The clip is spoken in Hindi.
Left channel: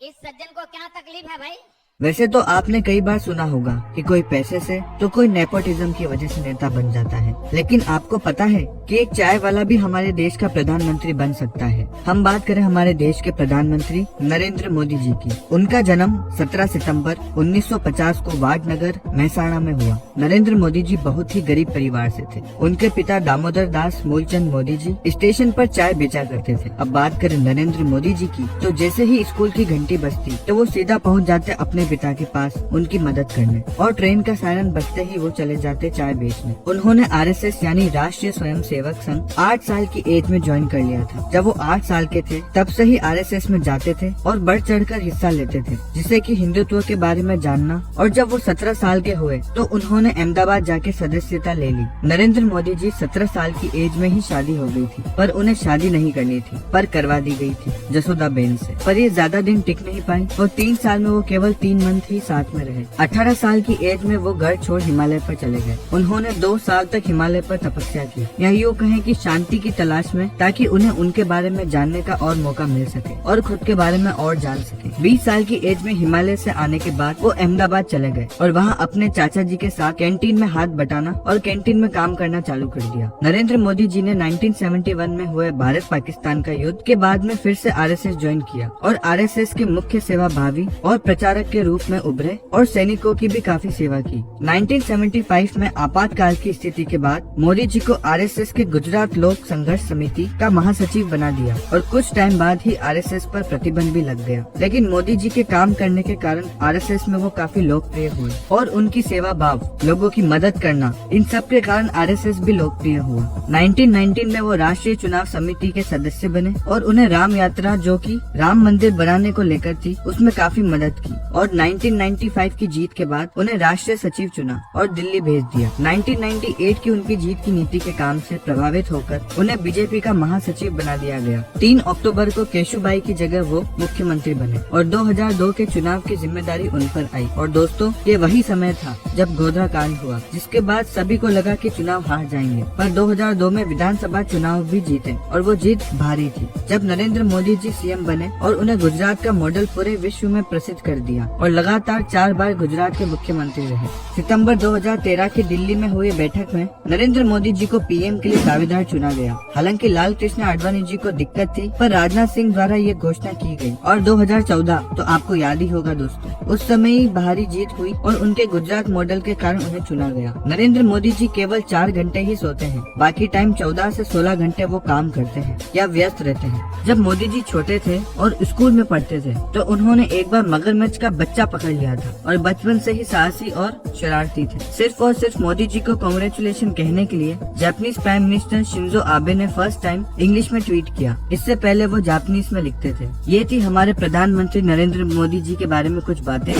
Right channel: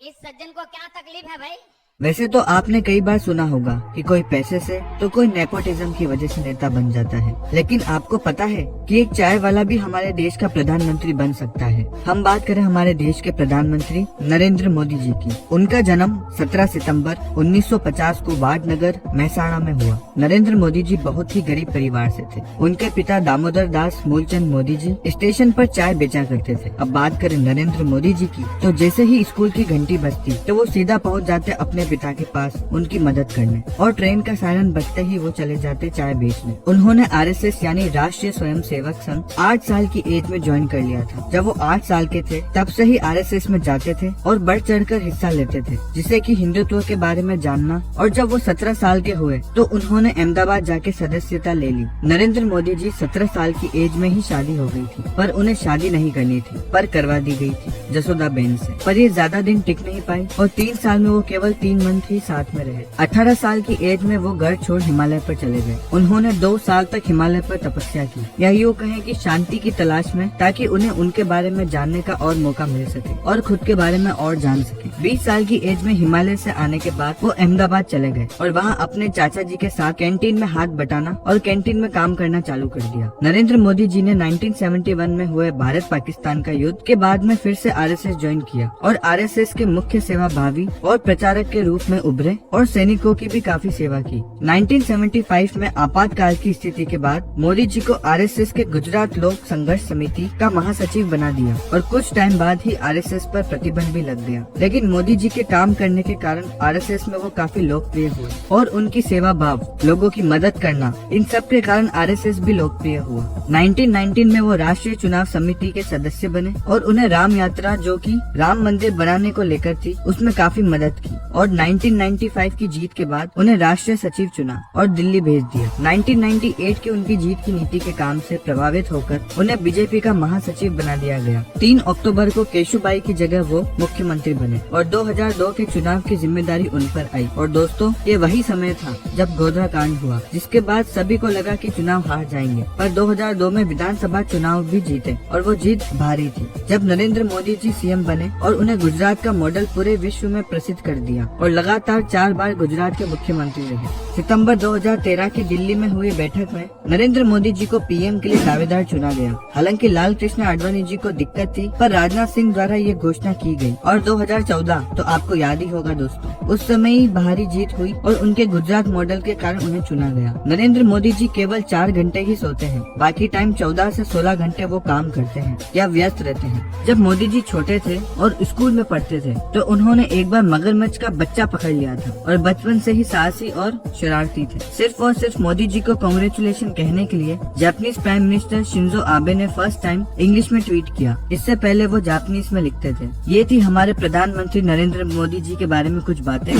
इस सज्जन को क्या तकलीफ है भाई? वैसे तो आपने कई बार सुना होगा कि कोई पैसे से तो कोई नेपोटिज्म की वजह से नेता बन जाता है, लेकिन आपको पता है कि एक चाय वाला भी हमारे देश का प्रधानमंत्री बन सकता है। हम बात करें हमारे देश के प्रधानमंत्री नरेंद्र मोदी जी की। उनका जन्म 17 सितंबर 1950 को वाटनगर महसाणा में हुआ। नरेंद्र मोदी जी बहुत ही गरीब परिवार से थे। उनके पिता दामोदर दास मूलचंद मोदी जी स्टेशन पर चाय बेचा करते थे। अब बात करें नरेंद्र मोदी जी की, तो जैसे ही स्कूल की घंटी बजती तो वो सीधा पहुंच जाते अपने पिता के पास उनकी मदद करने, और ट्रेन का सायरन बजते ही वो चले जाते चाय बेचने। उन्होंने आरएसएस यानी राष्ट्रीय स्वयंसेवक संघ 8 साल की एज में ज्वाइन कर लिया था। जब वो 8 साल के थे तब से ही आरएसएस में जाते थे और बढ़ चढ़कर हिस्सा लेते थे, जिससे कि हिंदुत्व के बारे में जानना। और जब वो 17 साल के हुए तो उन्होंने अहमदाबाद जाके सदस्यता ले ली। नरेंद्र मोदी जी 17 साल की एज में ही शादी हो गई थी, पर उन्हें शादी नहीं करनी थी, पर करवा दी गई थी जसोदा बेन से। पर ये ज्यादा दिन टिक नहीं पाई और 3 साल में वो केवल 3 मंथ ही साथ में रहे। 18 साल की एज में वो घर छोड़ हिमालय पर चले गए। उन्होंने 2 साल तक हिमालय पर तपस्या की, या यूँ कहें कि शांति की तलाश में, ताकि उन्हें उनके बारे में जानने का और मौका मिल सके और खुद के बारे में और जान सके। 20 साल की एज में हिमालय से आने के बाद वो अहमदाबाद चले गए और वहाँ अपने चाचा जी के साथ कैंटीन में हाथ बटाना और कैंटीन में काम करना चालू कर दिया। नरेंद्र मोदी जी ने 1971 में हुए भारत पाकिस्तान का युद्ध के बाद में फिर से आरएसएस ज्वाइन किया और आरएसएस के मुख्य सेवा भावी और प्रचारक के रूप में उभरे और सैनिकों की भी काफी सेवा की। 1975 में आपातकाल की स्थिति के बाद मोदी जी को आरएसएस के गुजरात लोक संघर्ष समिति का महासचिव बना दिया और कुछ टाइम बाद ही आरएसएस पर प्रतिबंध भी लग गया। लेकिन मोदी जी के काम करने के कारण आरएसएस में वो काफी लोकप्रिय हुए और उनकी सेवा भाव, लोगों की मदद करना, इन सब के कारण आरएसएस भी लोकप्रिय हुआ। 1919 में वो राष्ट्रीय चुनाव समिति के सदस्य बने और उन्हें राम यात्रा, जो कि राम मंदिर बनाने को लेकर थी, उसमें काफी मदद की। और 1995 की जीत के बाद उन्हें राष्ट्रीय सचिव चुना और दिल्ली भेज दिया। 1998 की उनकी जीत की नीति के काम से प्रभावित होकर उन्हें बीजेपी का महासचिव बना दिया गया। 3 अक्टूबर को केशुभाई की जगह वो मुख्यमंत्री बने और 2002 के चुनाव की जिम्मेदारी उन पर आई। और दोस्तों, ये वही समय था जब गोधरा कांड हुआ, जिसके बाद सभी को लगा कि चुनाव हार जाएंगे, पर 2002 में विधानसभा चुनाव भी जीते और वो जीत भारी थी। जब नरेंद्र मोदी जी सीएम बने और उन्हें गुजरात का मॉडल पूरे विश्व में प्रसिद्ध कर दिया और लगातार 4 बार गुजरात के मुख्यमंत्री रहे। सितंबर 2013 की दिल्ली में हुई बैठक में नरेंद्र मोदी जी को पीएम के लिए दावेदार चुना गया। हालांकि लाल कृष्ण आडवाणी जी को दिक्कत थी, पर राजनाथ सिंह द्वारा ये घोषणा की गई। और 2014 तो आपको याद ही होगा दोस्तों, उस समय ही भारी जीत हुई और उनके गुजरात मॉडल के कारण उन्हें चुना गया। नरेंद्र मोदी जी केवल 4 घंटे ही सोते हैं, बाकी टाइम 14 से 16 घंटे वो काम करते हैं या व्यस्त रहते हैं। जब मोदी जी छोटे थे और स्कूल में पढ़ते थे तो उन्होंने एक बार मगरमच्छ का बच्चा पकड़ लिया था और बचपन से ही साहसी और शरारती थे। सिर्फ और सिर्फ मोदी जी को कांग्रेचुलेशन कहने के लिए Japanese prime minister Shinzo Abe ने फर्स्ट टाइम इंग्लिश में ट्वीट किया। इससे पहले वो जापानीज में लिखते थे। ये थी हमारे प्रधानमंत्री नरेंद्र मोदी जी के बारे में कुछ बातें।